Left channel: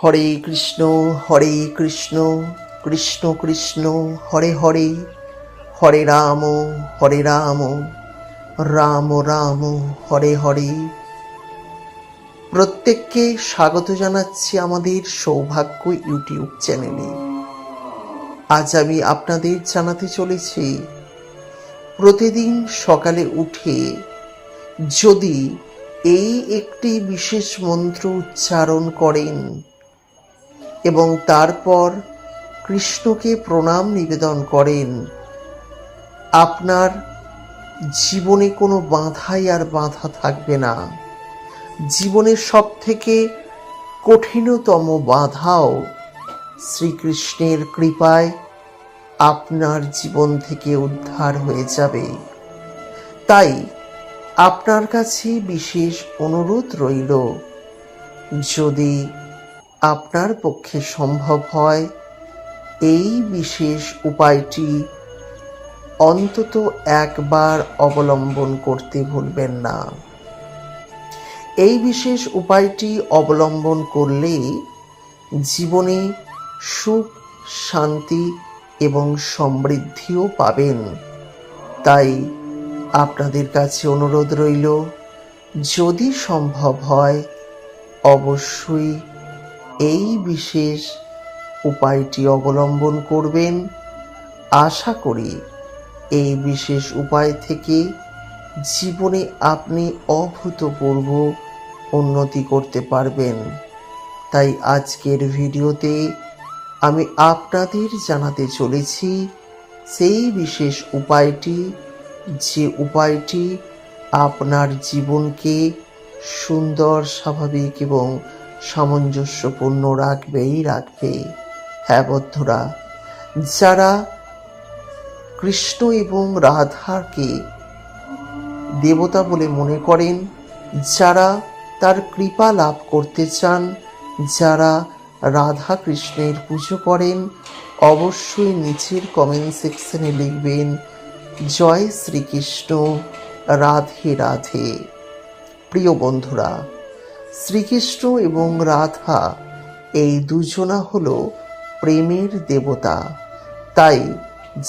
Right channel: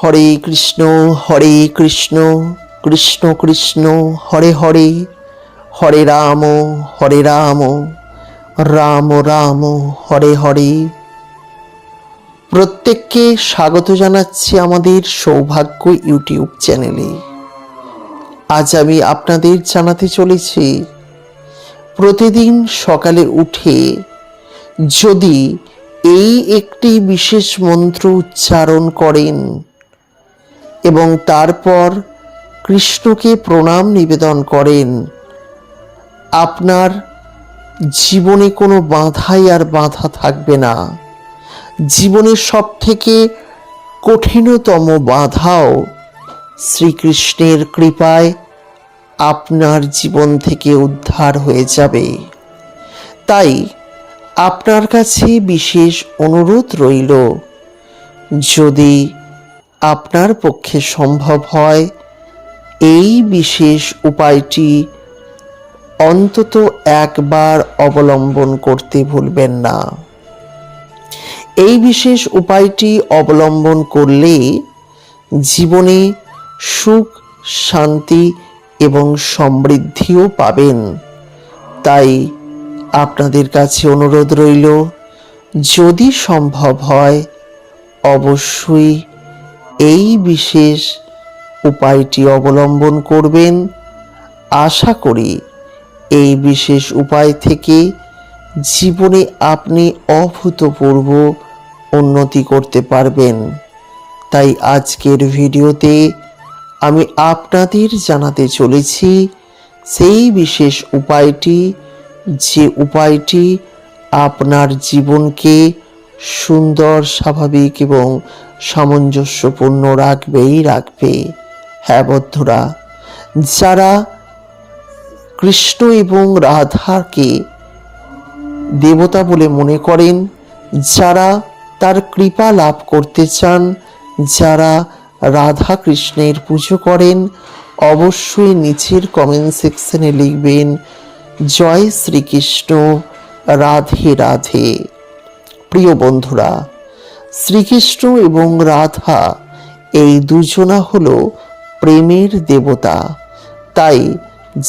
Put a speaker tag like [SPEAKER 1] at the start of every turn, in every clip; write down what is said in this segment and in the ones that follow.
[SPEAKER 1] হরে কৃষ্ণ হরে কৃষ্ণ কৃষ্ণ কৃষ্ণ হরে হরে হরে রাম হরে রাম রাম রাম হরে হরে প্রত্যেককে স্বাগত জানাচ্ছি আমাদের সৌভাগ্য ইউটিউব চ্যানেলে আজ আমি আপনাদের জানাতে চলেছি প্রতিদিন সকালে উঠে যদি এই একটি বিশেষ মন্ত্র উচ্চারণ করেন এবং তারপর কৃষ্ণকে প্রণাম নিবেদন করেন আপনার জীবনে কোনো বাধাই আর বাধা থাকবে না জীবনের সব থেকে কঠিনতম বাধাও শ্রীকৃষ্ণের কৃপায় আপনার জীবন থেকে উদ্ধার হয়ে যাবে তাই আপনার কাছে বিশেষ অনুরোধ রইল যদি আপনার পক্ষে সম্ভব হয় এই বিশেষ উপায়টি অন্তত একবার অবলম্বন করতে ভুলবেন না এই বিশেষ উপায়টি অবলম্বন করলে জীবনে সুখ শান্তি এবং সমৃদ্ধিও পাবেন তাই আপনাদের কাছে অনুরোধ রইল যদি সম্ভব হয় অবশ্যই এই বিশেষ উপায়টি অবলম্বন করবেন আশা করি এই বিশেষ উপায় থেকে জীবনে আপনি অভূতপূর্ব উন্নতি করতে পারবেন তাই আজকের ভিডিওতে আমি আপনাদের জানাতে চলেছি সেই বিশেষ উপায়টি যে উপায়টি আপনার জীবনকে সুন্দর স্বাভাবিক এবং সামঞ্জস্যপূর্ণ রাখবেই রাখবে হ্যাঁ বদ্ধরা যারা কৃষ্ণ এবং রাধাকে দেবতা বলে মনে করেন যারা তার কৃপা লাভ করতে চান যারা রাধা কৃষ্ণের পুজো করেন অবশ্যই নিচের কমেন্ট সেকশনে লিখবেন জয় শ্রীকৃষ্ণ রাধে রাধে প্রিয় বন্ধুরা শ্রীকৃষ্ণ এবং রাধা এই দুজনা হল প্রেমের দেবতা তাই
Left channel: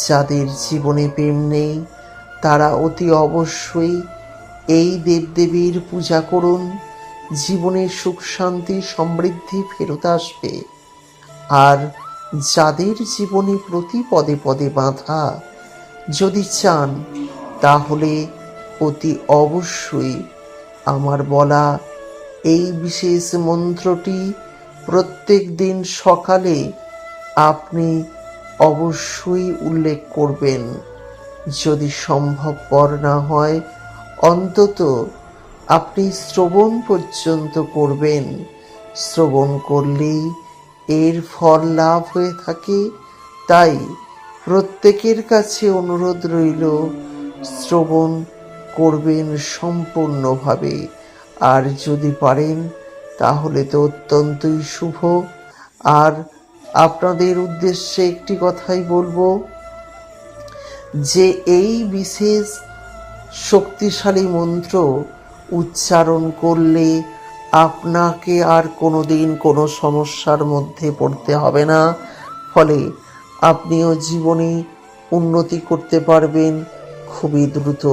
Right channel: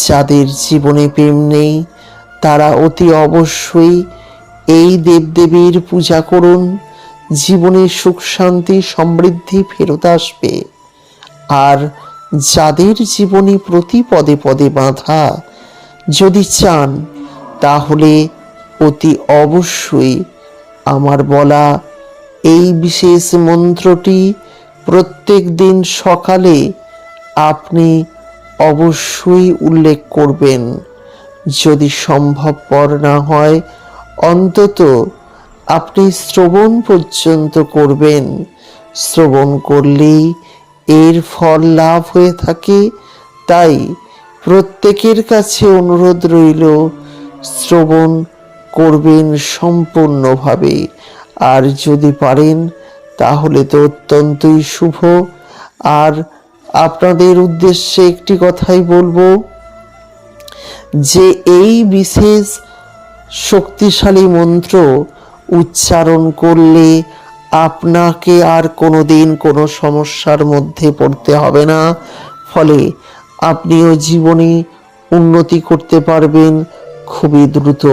[SPEAKER 1] যাদের জীবনে প্রেম নেই তারা অতি অবশ্যই এই দেবদেবীর পূজা করুন জীবনে সুখ শান্তি সমৃদ্ধি ফেরত আসবে আর যাদের জীবনে প্রতি পদে পদে বাঁধা যদি চান তাহলে অতি অবশ্যই আমার বলা এই বিশেষ মন্ত্রটি প্রত্যেক দিন সকালে আপনি অবশ্যই উল্লেখ করবেন যদি সম্ভবপর না হয় অন্তত আপনি শ্রবণ পর্যন্ত করবেন শ্রবণ করলেই এর ফল লাভ হয়ে থাকে তাই প্রত্যেকের কাছে অনুরোধ রইল শ্রবণ করবেন সম্পূর্ণভাবে আর যদি পারেন তাহলে তো অত্যন্তই শুভ আর আপনাদের উদ্দেশ্যে একটি কথাই বলবো যে এই বিশেষ শক্তিশালী মন্ত্র উচ্চারণ করলে আপনাকে আর কোনো দিন কোনো সমস্যার মধ্যে পড়তে হবে না ফলে আপনিও জীবনে উন্নতি করতে পারবেন খুবই দ্রুত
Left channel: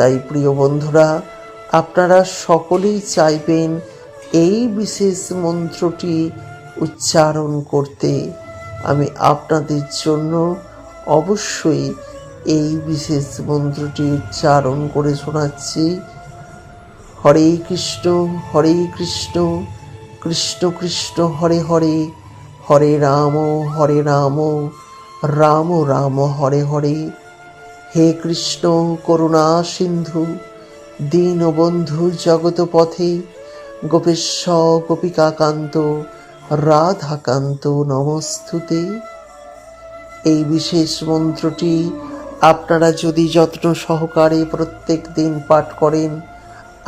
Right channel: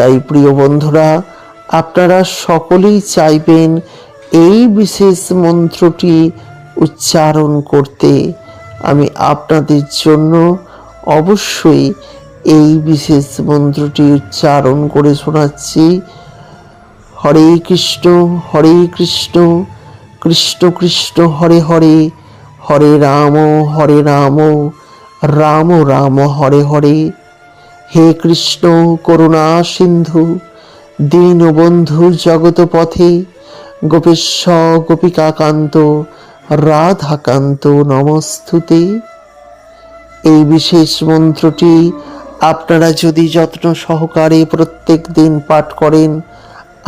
[SPEAKER 1] তাই প্রিয় বন্ধুরা আপনারা সকলেই চাইবেন এই বিশেষ মন্ত্রটি উচ্চারণ করতে আমি আপনাদের জন্য অবশ্যই এই বিশেষ মন্ত্রটি উচ্চারণ করে শোনাচ্ছি হরে কৃষ্ণ হরে কৃষ্ণ কৃষ্ণ কৃষ্ণ হরে হরে হরে রাম হরে রাম রাম রাম হরে হরে হে কৃষ্ণ করুণা সিন্ধু দীনবন্ধুর জগতপথে গোপেশ্ব গোপিকাকান্ত রাধাকান্ত নমস্তুতে এই বিশেষ মন্ত্রটি আপনারা যদি যত্ন সহকারে প্রত্যেক দিন পাঠ করেন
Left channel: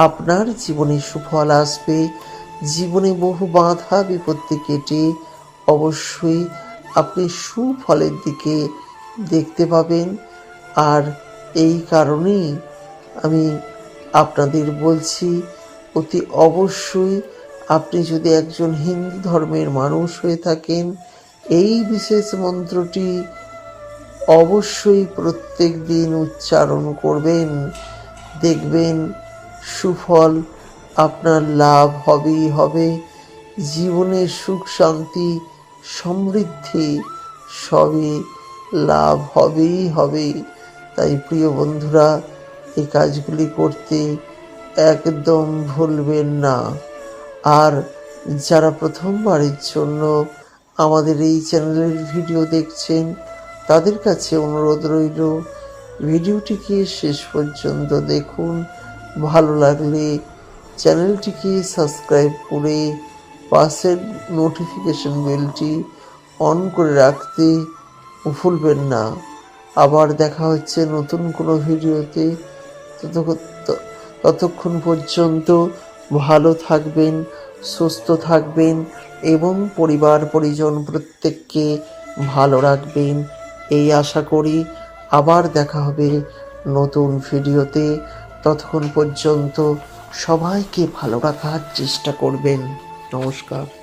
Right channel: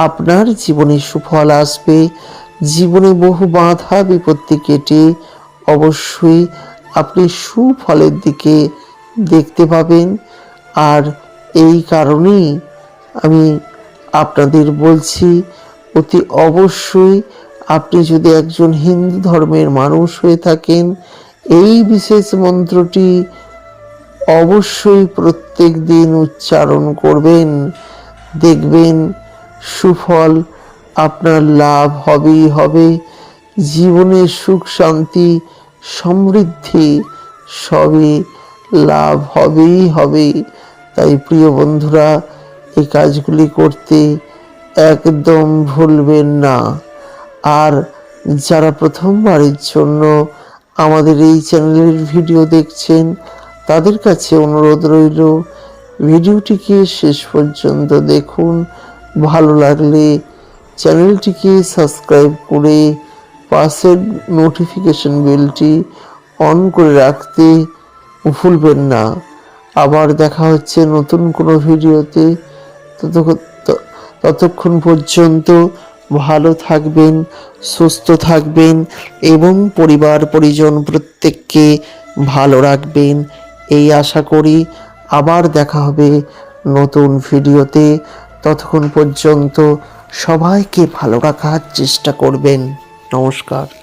[SPEAKER 1] আপনার জীবনে সুফল আসবে জীবনে বহু বাধা বিপত্তি কেটে অবশ্যই আপনি সুফলের দিকে দেখতে পাবেন আর এই কারণেই আমি আপনাদের বলছি অতি অবশ্যই আপনি যদি একজন হিন্দু ধর্মের মানুষ হয়ে থাকেন এই বিশেষ মন্ত্রটি অবশ্যই প্রত্যেক দিন উচ্চারণ করবেন দেখবেন সুফল আপনার লাভ হবেই হবে জীবনের সুখ শান্তি সমৃদ্ধি সবই লাভ হবেই হবে তাই প্রিয় বন্ধুরা এই কাজগুলি করতে একদম ভুলবেন না আর যারা প্রথমবারের জন্য আমাদের এই চ্যানেলের ভিডিও দেখছেন তাদের কাছে অনুরোধ রইল ভিডিওটিকে শেষ পর্যন্ত দেখুন ভালো লাগলে চ্যানেলটিকে সাবস্ক্রাইব করে পাশের নোটিফিকেশন বেলটি অন করে রাখতে ভুলবেন না আবার দেখা হচ্ছে নতুন কোনো ভিডিওতে ততক্ষণ পর্যন্ত ভালো থাকবেন সুস্থ থাকবেন এবং পরিবার পরিজন প্রত্যেককে ভালো রাখবেন এই আশা করি আবার দেখা হবে নতুন ভিডিওতে ততক্ষণ পর্যন্ত সবাইকে ভালো রাখার চেষ্টা করবেন নমস্কার